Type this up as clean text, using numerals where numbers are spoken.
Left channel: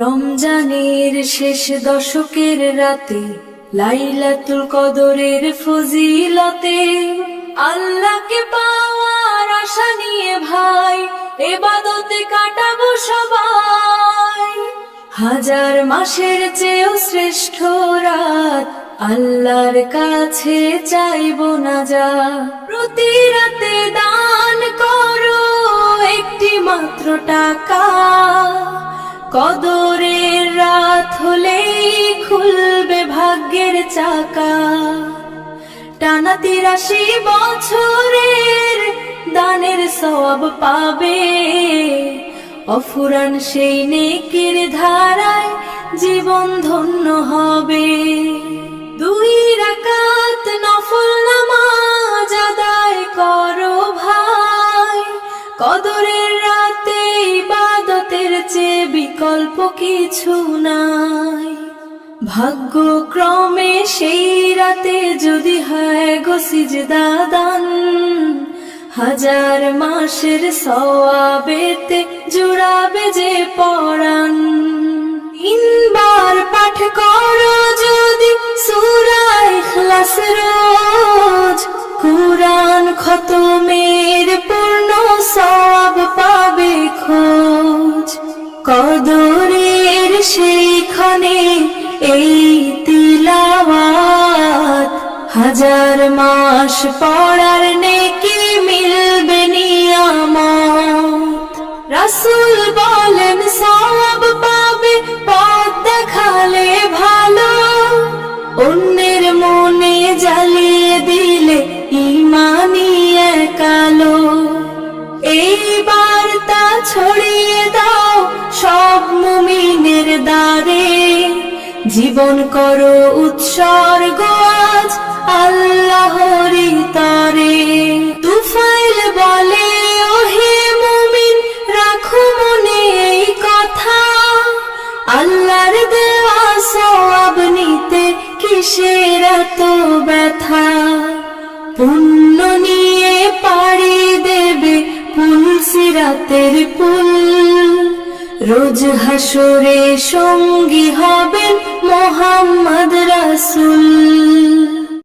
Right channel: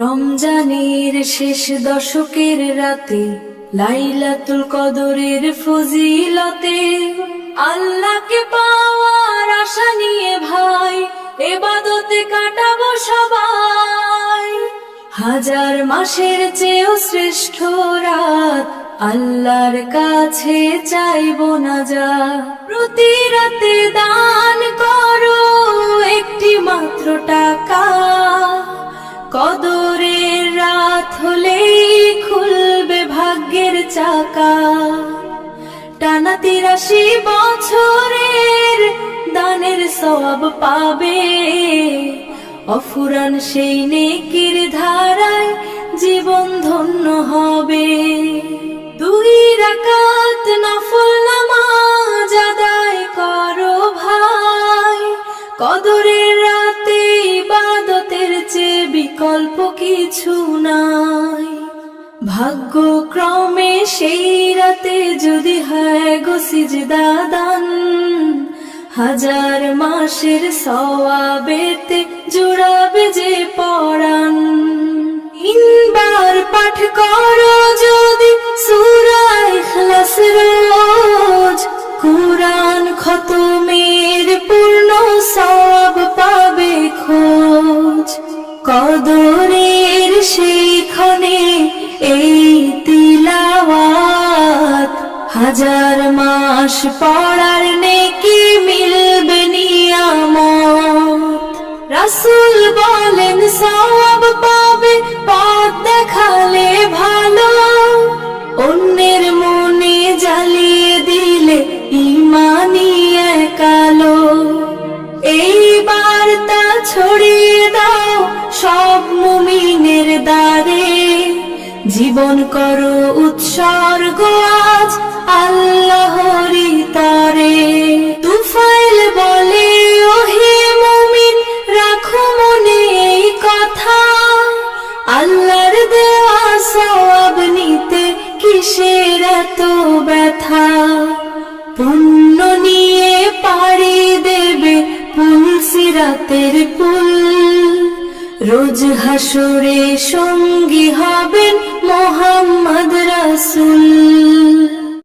রমজানের শেষ দশকের রাতে লাইলাতুল কদরের ফজিলতে আল্লাহকে পাওয়ার আশা নিয়ে ভাই ইবাদতে কাটাবো সবাই। হাজার মাসের চেয়েও শ্রেষ্ঠ রাত আল্লাহর কাছে চাইবো না যা। প্রতি রাতে দান করো একটি মাত্র টাকা, কদরের রাত হলেই খুলবে ভাগ্যের চাকা। টানা ৮৩ বছরের দানের সওয়াব পাবে, অফুরান সেই নেকির ধারায় জীবন ধন্য হবে। ২ রাকাত নফল নামাজ আদায় করো ভাই, কদরের রাতে ইবাদতের চেয়ে বিকল্প কিছু নাই। ভাগ্যক্রমে সেই রাতে যদি হয় গো সিজদা দান, হাজার মাসের সওয়াবেতে জুড়াবে যে পরাণ। ৩ বার পাঠ করো যদি সূরা ইখলাস রোজ, কুরআন খতমের পূর্ণ সওয়াব পাবে খোঁজ। কদরের সেইখানে এই তিলাওয়াত, হাজার মাস পড়ার নেকি মিলবে নিয়ামত। রাসূল বলেন সওয়াব পাবে পথ দেখালে ভালো, অন্যের মনে জ্বালিয়ে দিলে ঈমানি এক আলো। এই বার্তা ছড়িয়ে দাও সব মুমিনের দ্বারে, জীবন করো উৎসর্গ আজ আল্লাহরই তরে। তুফাইল বলে ওহে মুমিন রাখো মনে এই কথা, আল্লাহর দেওয়া সওয়াব নিতে কিসের এত ব্যথা। পুণ্য নিয়ে পাড়ি দেবে পুল সিরাতের পুল, রোজ হাসরে সঙ্গী হবেন মুহাম্মদ রাসূল।